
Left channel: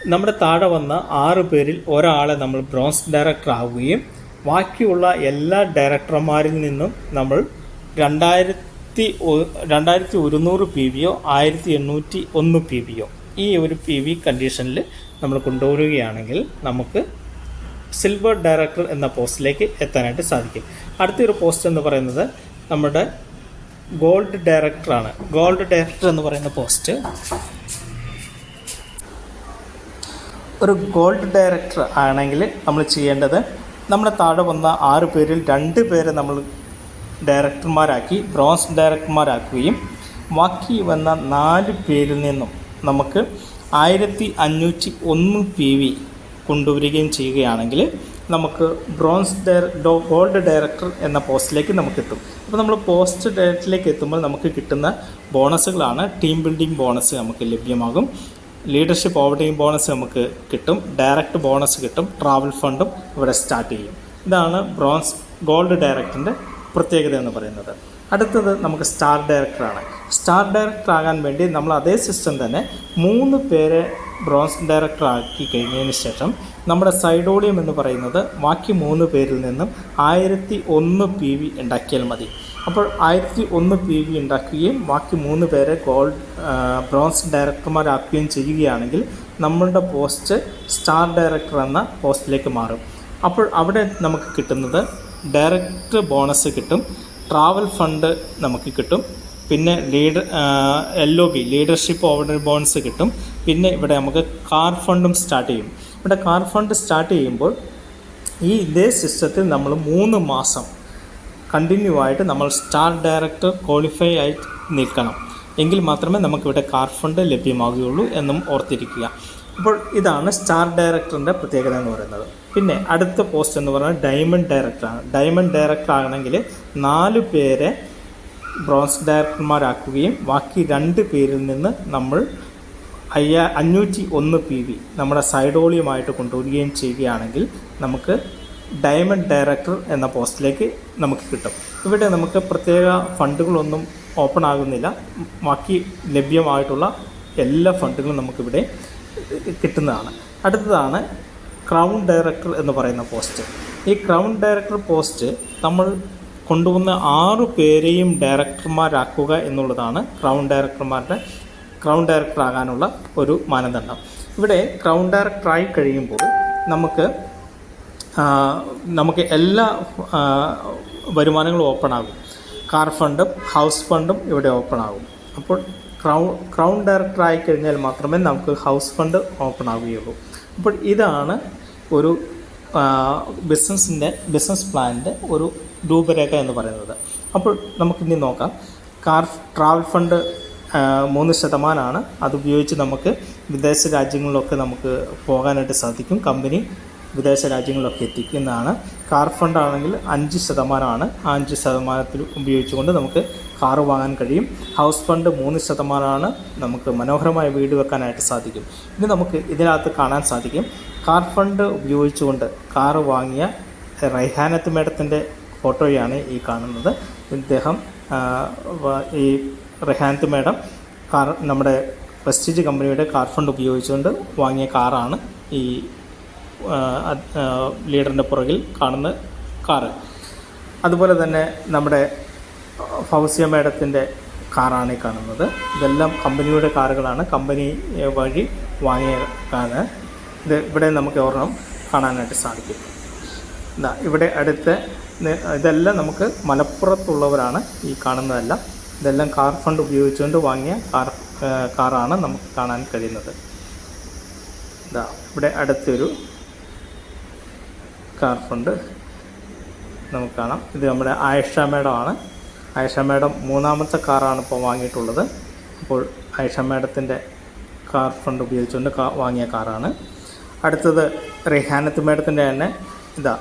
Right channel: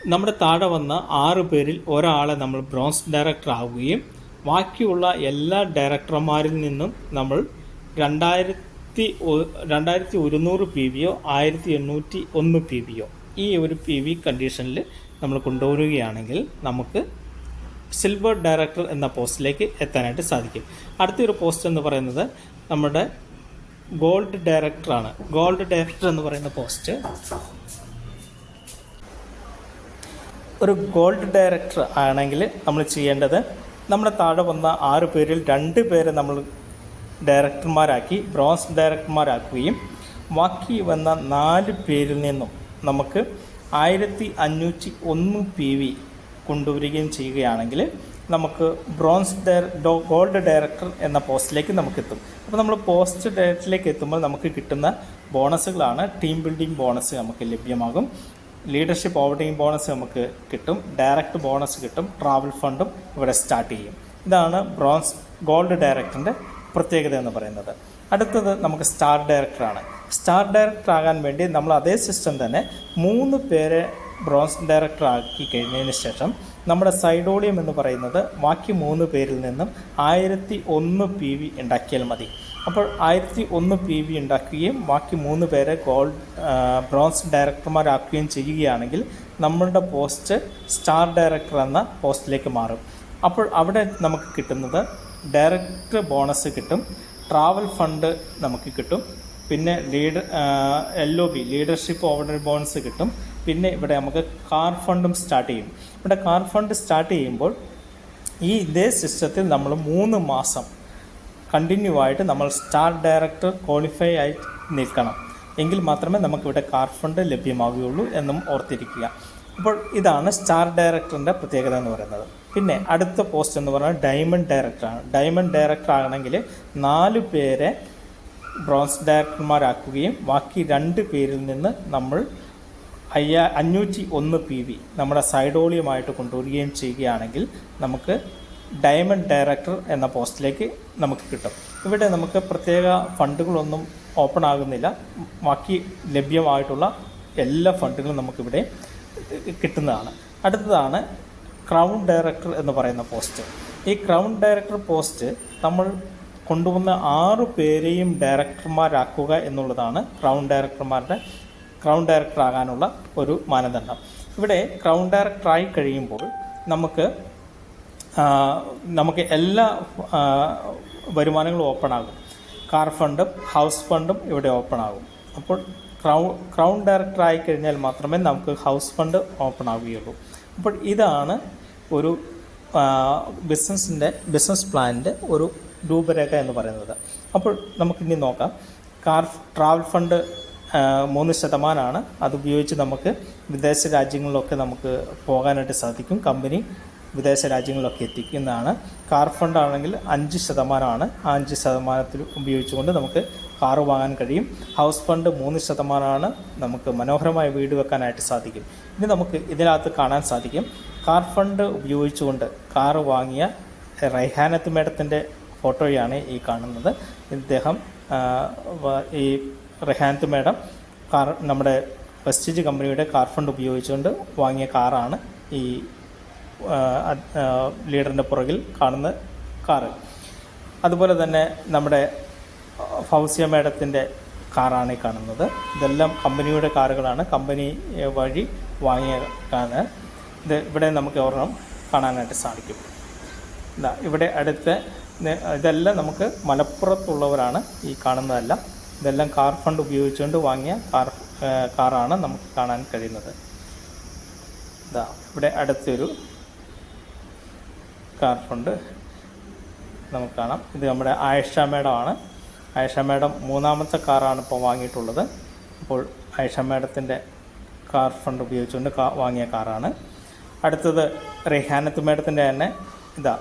നമ്മുടെ താഴെ വന്ന ആറ് പേരിൽ ഒരാളെ നമ്മൾ ബ്രോൺസ് ഡയറക്ടർ ആവുകയും ബാക്കിയുള്ള എല്ലാ ഡയറക്ടർമാരിൽ നിന്നും നമ്മൾ രണ്ടായിരത്തി രണ്ടായിരത്തി ഒരുന്നൂറ് പി വിയോ ആയിരത്തി എണ്ണൂറ്റി ഒന്ന് പി വിയോ ഈ ഒരു പി വി കണ്ടീഷനിൽ നമ്മൾ കൊണ്ടുവരികയാണെങ്കിൽ നമുക്ക് സിൽവർ ഡയറക്ടർ എന്ന പോസ്റ്റിലേക്ക് എത്താനായിട്ട് സാധിക്കും. അടുത്തൊരു പോസ്റ്റ് എന്ന് പറയുന്നത് നമ്മുടെ ഗോൾഡ് ഡയറക്ടറാണ്. ഗോൾഡ് ഡയറക്ടർ എന്ന് പറയുന്ന പോസ്റ്റ് ഒരു ഗോൾഡ് ഡയറക്ടർ ആണെങ്കിൽ നമ്മൾ ചെയ്യേണ്ടത് നമ്മുടെ താഴെ വന്ന ആറ് പേരിൽ രണ്ട് പേരെ നമ്മൾ ഡയറക്ടർമാരാക്കി ബ്രോൺസ് ഡയറക്ടർമാരാക്കുകയും ബാക്കി വന്ന നാല് പേരിൽ നിന്നും നമുക്ക് ആയിരത്തി അഞ്ഞൂറ്റി ഒന്ന് പി വി കൊണ്ടുവരികയും ചെയ്യുകയാണെങ്കിൽ നമുക്ക് ബ്രോൺസ് ഡയർ ഗോൾഡ് ഡയറക്ടർ എന്ന പോസ്റ്റിലേക്ക് നമുക്ക് എത്തും. അപ്പോൾ നമ്മൾ പോസ്റ്റ് ഡയറക്ടറിലേക്ക് എത്തുമ്പോൾ നമുക്ക് കിട്ടുന്ന ബോണസുകളാണ്. ടീം ബിൽഡിംഗ് ബോണസ് നമുക്ക് ലഭ്യമാകും. ലീഡർഷിപ്പ് ഓവർടീം ബോണസ് നമുക്ക് കിട്ടും. ഡയറക്റ്റ് ബോണസ് കിട്ടും. ട്രാവൽ ഫണ്ടും ഇവിടെ സ്റ്റാർട്ട് ചെയ്യും. ഇതാണ് ബ്രോൺസ് ഗോൾഡ് ഡയറക്ടറിന്റെ പ്രത്യേകത എന്ന് പറയുന്നത്. അടുത്തത് നമുക്ക് സ്റ്റാർ ഡയറക്ടറാണ് സ്റ്റാർ ഡയറക്ടർ ആകാൻ വേണ്ടി നമ്മൾ അതേ സിസ്റ്റം തന്നെ മൂന്ന് പേരെ ബ്രോൺസ് ഡയറക്ടർ ആക്കി കഴിഞ്ഞതിന് ശേഷം നമ്മുടെ സൈഡോളിയം എന്ന് പറയുന്നത് ബാക്കി മൂന്ന് പേരിൽ നിന്നും ആയിരത്തി ഒന്ന് പി വി ഉണ്ടാക്കിയാൽ മതി. അപ്പോൾ ആയിരത്തി ഒന്ന് പി വി ഉണ്ടാക്കുകയും ബാക്കി മൂന്ന് പേരെ ഗോൾഡ് ബ്രോൺസ് ഡയറക്ടർമാരാക്കുകയും ചെയ്യുകയാണെങ്കിൽ നമ്മളുടെ പോസ്റ്റ് സ്റ്റാർ ഡയറക്ടർ എന്ന പോസ്റ്റിലേക്ക് മാറും. അപ്പോൾ അവിടെ നമുക്ക് കിട്ടുന്നത് ഡയറക്റ്റ് ബോണസ് കിട്ടും ട്രാവൽ ഫണ്ട് നമുക്ക് കിട്ടും പിന്നെ leader L O B leadership order bonus കിട്ടും പിന്നെ ഇവിടെ നമുക്ക് കാർ ഫണ്ടും സ്റ്റാർട്ട് ചെയ്യും. ഇവിടെ കാർ ഫണ്ട് സ്റ്റാർട്ട് ചെയ്യുമ്പോൾ ഈ ഇതേ സിസ്റ്റത്തിൽ നമ്മൾ മൂന്ന് മാസം കണ്ടിന്യൂ ആയിട്ട് നമ്മൾ സ്റ്റാർ ഡയറക്ടർ ക്വാളിഫൈ ആയി നിൽക്കണം. എങ്കിൽ മാത്രമേ നമുക്കിവിടെ കാർ ഫണ്ട് ലഭ്യമാകുകയുള്ളൂ എന്നും ഓർത്തിരിക്കുക. അപ്പോൾ ഇതാണ് സ്റ്റാർ ഡയറക്ടറിന്റെ പ്രത്യേകത എന്ന് പറയുന്നത്. പിന്നെ അടുത്ത പോസ്റ്റ് എന്ന് പറഞ്ഞാൽ ഡയമണ്ട് ഡയറക്ടറാണ് ഡയമണ്ട് ഡയറക്ടർ ആണെങ്കിൽ നാല് പേരെ ബ്രോൺസ് ഡയറക്ടർമാരാക്കുകയും ബാക്കി രണ്ട് പേരിൽ നിന്ന് നമ്മൾ അയ്യാ അഞ്ഞൂറ്റി ഒന്ന് പി വി നമ്മുടെ സൈഡോളിയുമായിട്ട് കൊണ്ടുവരികയും ചെയ്യുകയാണെങ്കിൽ നമുക്ക് ഡയമണ്ട് ഡയറക്ടർ എന്ന പോസ്റ്റിലേക്ക് നമുക്ക് കിട്ടും. ഇവിടെ നമുക്ക് പ്രത്യേക ഫണ്ടുകളൊന്നും ഓപ്പൺ ആകുന്നില്ല. ബാക്കി ലഭ്യമായിട്ടുള്ള എല്ലാ ഫണ്ടുകളും നമുക്കിവിടെ കിട്ടുന്നതാണ്. അടുത്തതാണ് ക്രൗൺ ഡയറക്ടർ എന്ന് പറയുന്ന പോസ്റ്റ്. ഈ ക്രൗൺ ഡയറക്ടർ പോസ്റ്റ് നമ്മൾ കൊണ്ടുവന്ന ആറു പേരെയും ഡയറക്ടർമാരാക്കുക എന്നുള്ളതാണ് ക്രൗൺ ഡയറക്ടർമാരുടെ ക്രൗൺ ഡയറക്ടർ ആകാനുള്ള ഒരു മാനദണ്ഡം. ഇവിടെ ക്രൗൺ ഡയറക്ടറായി കഴിയുമ്പോൾ നമുക്ക് നമുക്ക് എല്ലാ വരുമാനങ്ങളും ഓപ്പൺ ആകും. കാർ ഫണ്ടും ഹൗസ് ഫണ്ടും ഇവിടെ ഓപ്പൺ ആകും. അപ്പോൾ ക്രൗൺ ക്രൗൺ ഡയറക്ടർ ആയി കഴിഞ്ഞാൽ മാത്രമേ നമുക്ക് ഹൗസ് ഫണ്ട് ഓപ്പൺ ആവുകയുള്ളൂ. അപ്പോൾ ഇതാണ് ഒരു ബിസിനസ്സിന്റെ ബിസിനസ് പ്ലാനിന്റെ ഒരു രൂപരേഖ എന്ന് പറയുന്നത്. അപ്പോൾ നമുക്കിനി നോക്കാം. കാർ ട്രാവൽ ഫണ്ട് മൂന്ന് ശതമാനമാണ് അത് ഉപയോഗിച്ച് നമുക്ക് വിദേശ രാജ്യങ്ങളിലൊക്കെ നമുക്ക് പോകാനായിട്ട് സാധിക്കും. കമ്പനി വിദേശ രാജ്യങ്ങളിലൊക്കെ എത്തിക്കുന്നതാണ്. കാർ ഫണ്ട് ആണെങ്കിൽ അഞ്ച് ശതമാനമാണ്. ആ അഞ്ച് ശതമാനത്തിൽ ഉപയോഗിച്ചുകൊണ്ട് നമുക്ക് കാർ വാങ്ങാൻ കഴിയും. ഹൗസ് ഫണ്ട് മൂന്ന് ശതമാനമാണ് നമുക്ക് മനോഹരമായ വീട് വെക്കാനായിട്ട് സാധിക്കും. ഇനി നമുക്ക് ഇതിനകത്ത് കാണാൻ സാധിക്കും. കാർ ഫണ്ട് ഉപയോഗിച്ചുകൊണ്ട് കാർ വാങ്ങിയ റൈഹാനത്ത് മേഡത്തിന്റെ ഫോട്ടോയാണ് ഈ കാണുന്നത്. ഇദ്ദേഹം ഈ റെഹാനത്ത് മേഡം കാർ നമ്മുടെ പ്രസ്റ്റീജ് കമ്പനിയുടെ കാർ ഫണ്ട് ഉപയോഗിച്ചുകൊണ്ട് വാങ്ങിയ കാറാണ് ഈ ലീഡറിന്റെ പുറകിൽ കാണുന്ന കാറ്. അതുപോലെ തന്നെ നമ്മുടെ ഫൗസിയ മേഡത്തിന്റെ കാറാണ് കാണുന്നത്. ഇതെല്ലാം കമ്പനിയുടെ കാറുകളാണ്. കമ്പനി വഴി വാങ്ങിയ കാറ് ഇത് ഇവിടെ നമുക്ക് ഒരെണ്ണം കാണാനായിട്ട് സാധിക്കും. ഇവിടെ അടുത്ത് ഇതെല്ലാം നമുക്ക് മലപ്പുറത്തുള്ളവരാണ് ഈ കാണുന്നതല്ല. ഇതെല്ലാം കാർ ഫണ്ട് ഉപയോഗിച്ചുകൊണ്ട് വാങ്ങിയ കാർ കാറാണ് നമുക്ക് കാണാൻ കഴിയുന്നത്. ഇതാ ഇവിടെ അടുത്തൊരു കാർ ഫണ്ട് നമുക്ക് കാണാം. ഇത് നമ്മുടെ ആയിഷ മേഡമാണ്. ആയിഷ മേഡം മൂന്നാമത്തെ കാറാണ് ഇപ്പോൾ വാങ്ങിയിട്ടുള്ളത്. അപ്പോൾ ആയിഷ മേഡത്തിന്റെ കാർ ഫണ്ട് ഉപയോഗിച്ചുകൊണ്ട് കാ വാങ്ങിയ കാറാണ്. അടുത്തത് റിഹാനത്ത് മേഡത്തിന്റെ തന്നെ ഇതാ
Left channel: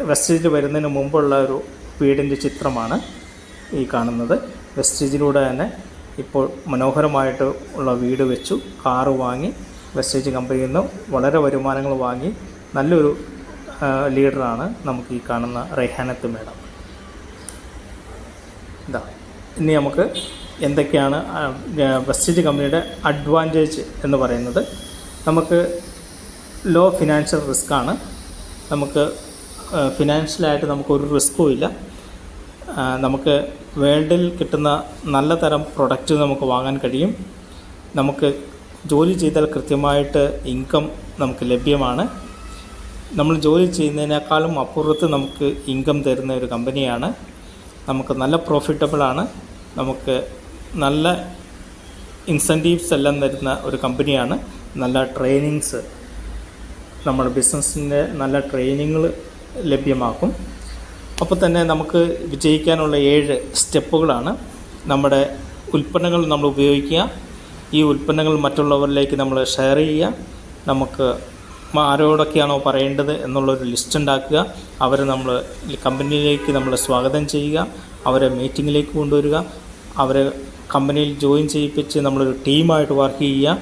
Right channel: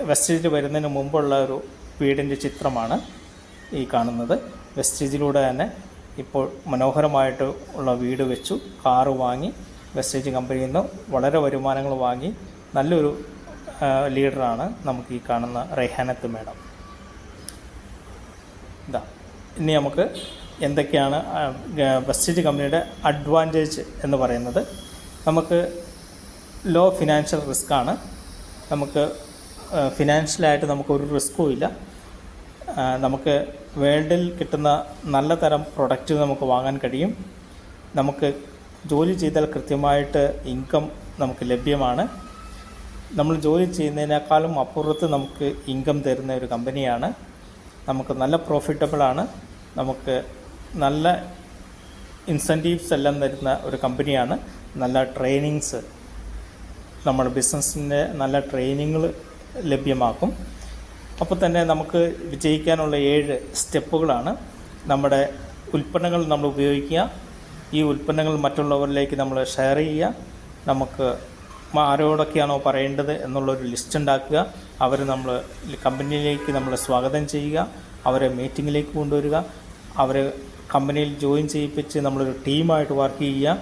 വെസ്റ്റേജിൽ വരുന്നതിന് മുമ്പുള്ള ഒരു വീടിന്റെ ചിത്രമാണ് ഈ കാണുന്നത്. വെസ്റ്റേജിലൂടെ തന്നെ ഇപ്പോൾ മനോഹരമായിട്ട് ഉള്ള വീട് വെച്ചു. കാറ് വാങ്ങി വെസ്റ്റേജ് കമ്പനിയിൽ നിന്ന് വളരെ വരുമാനങ്ങൾ വാങ്ങി. നല്ലൊരു ലീഡറാണ് നമുക്ക് ഈ കാണുന്ന റൈഹാനത്ത് മേഡം. ഇതാ ഇനി നമുക്ക് എന്തൊക്കെയാണ് വെസ്റ്റേജ് കമ്പനിയുടെ അഡ്വാന്റേജ് എന്ന് പറയുന്നത്. നമുക്ക് ലോ ഫിനാൻഷ്യൽ റിസ്ക് ആണ്. നമുക്ക് ഫിനാൻഷ്യലായിട്ട് നമുക്ക് ഒരു റിസ്ക്കും ഇല്ല. നമുക്ക് വേൾഡിൽ കിട്ടുന്ന നല്ല തരം പ്രൊഡക്റ്റ് നമുക്ക് വാങ്ങാൻ കഴിയും. നമുക്ക് ജോലി ചെയ്താൽ കൃത്യമായിട്ട് ഇൻകം നമുക്ക് ലഭ്യമാണ്. നമ്മൾ ജോലി ചെയ്യുന്നതിനേക്കാളും അപ്പുറത്ത് നമുക്ക് ഇൻകം തരുന്ന ഒരു കമ്പനിയാണ് നമുക്ക് നല്ല പ്രോഫിറ്റബിളാണ് നമുക്ക് നല്ല ഇൻസെന്റീവ്സ് എല്ലാം തരുന്ന ഒരു കമ്പനിയാണ് നല്ല ട്രെയിനിങ്സ് നമ്മുടെ ബിസിനസ്സിന്റെ നല്ല ട്രെയിനിങ്ങൾ ലഭ്യമാക്കും. അപ്പോൾ തന്നെ നമുക്ക് വിജയിക്കാനുള്ള ഏഴ് സ്റ്റെപ്പുകളാണ്. നമ്മുടെ ഉൽപ്പന്നങ്ങൾ നമ്മൾ ഉപയോഗിക്കുക. ഈ ഉൽപ്പന്നങ്ങൾ മറ്റുള്ളവരിലേക്ക് നമ്മൾ ഷെയർ ചെയ്യുക. നമുക്ക് ആരോടൊക്കെയാണോ പറയേണ്ടത് എന്നുള്ളൊരു ലിസ്റ്റ് ഉണ്ടാക്കുക. അവരെ നമ്മൾ കമ്പനിയിലേക്ക് നമ്മൾ സ്വാഗതം ചെയ്യുക. അവരെ മീറ്റിങ്ങിലേക്ക് കൊണ്ടുവരിക. അവരെ കമ്പനിയിൽ ജോയിൻ ചെയ്യിപ്പിച്ച് നമ്മളൊരു ടീമായിട്ട് വർക്ക് ചെയ്യുക.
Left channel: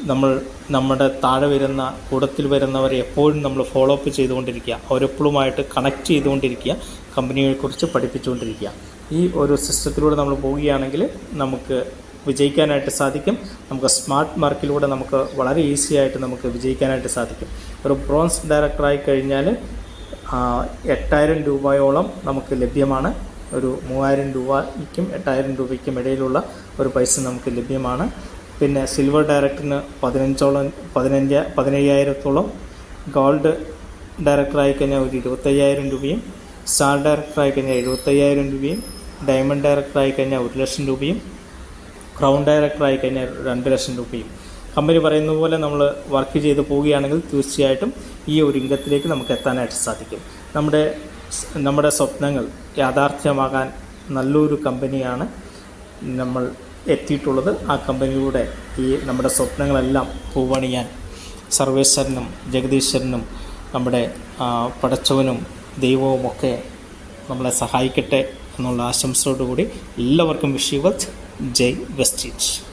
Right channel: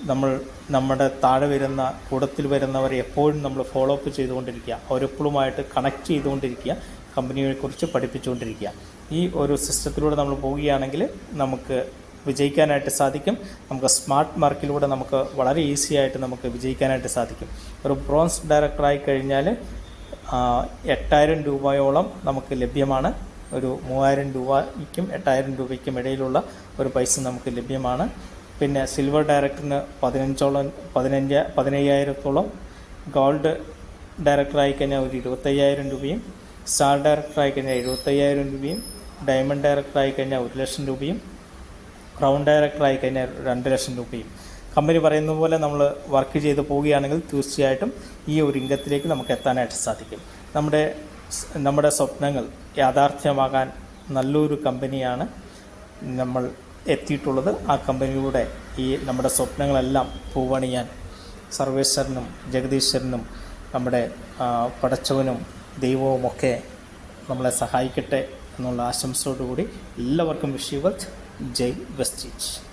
നമ്മൾ നമ്മുടെ താഴെ വരുന്ന കൂടത്തിൽ വരുന്നവരെ എപ്പോഴും നമ്മൾ ഫോളോ അപ്പ് ചെയ്തുകൊണ്ടിരിക്കുക. അവരെപ്പോഴുമായിട്ട് കണക്ട് ചെയ്തുകൊണ്ടിരിക്കുക. കമ്പനിയെക്കുറിച്ച് പഠിപ്പിച്ചുകൊണ്ടിരിക്കുക. ഈ ഒരു സിസ്റ്റത്തിലൂടെ നമ്മൾ പോവുകയാണെങ്കിൽ നമുക്ക് വിജയിക്കാനായിട്ട് സാധിക്കും. നമുക്ക് സ്മാർട്ട് മാർക്കിലൂടെ നമുക്ക് വളരെ ഈസി ആയിട്ട് നമുക്ക് വിജയിക്കാനായിട്ട് സാധിക്കും. ഒരു ബ്രോൺസ് ഡയറക്ടറായി കഴിഞ്ഞാൽ എട്ടായിരം രൂപയോളം നമുക്ക് ലഭ്യമാണ്. ഒരു മൂവായിരം രൂപയ്ക്കും എട്ടായിരം രൂപയ്ക്കും ഇടയിലുള്ള ഒരു പൈസ നമുക്ക് ലഭ്യമാണ്. പിന്നെ സിൽവർ ഡയറക്ടറിന് പതിനഞ്ചോളം പതിനഞ്ച് പതിനയ്യായിരത്തോളം ഗോൾഡ് ഡയറക്ടറായി കഴിഞ്ഞാൽ ഒരു ഇരുപത്തയ്യായിരം രൂപയും സ്റ്റാർ ഡയറക്ടറായി കഴിഞ്ഞാൽ എഴുപത്തയ്യായിരം രൂപയും ഡയമണ്ട് ഡയറക്ടറായി കഴിഞ്ഞാൽ ഒരു ലക്ഷം രൂപയും ക്രൗൺ ഡയറക്ടറായി കഴിഞ്ഞാൽ രണ്ട് ലക്ഷം രൂപയും. കമ്പനി പറയുന്ന പോലെ നമ്മൾ വർക്ക് ചെയ്ത് പോവുകയാണെങ്കിൽ തീർച്ചയായിട്ടും ഈ ഒരു ഇംഗത്തിലേക്ക് നമുക്ക് എത്താനായിട്ട് സാധിക്കും. നമ്മുടെ നമ്മുടെ സ്വപ്നങ്ങൾ യാഥാർത്ഥ്യമാകാൻ നല്ലൊരു കമ്പനിയാണ് നമ്മൾ എത്തിയിട്ടുള്ളത്. ആ കമ്പനിയുടെ ഈ നമ്മുടെ സ്വപ്നങ്ങളെല്ലാം പൂവണിയാൻ സർവേശ്വരനും ജഗദീശ്വരനും നമ്മുടെ പടച്ചവനും ദൈവവുമൊക്കെ നമ്മളെ സഹായിക്കട്ടെ എന്നുള്ള ആശംസയോടുകൂടി എല്ലാവർക്കും വിഷ് J. Westridge.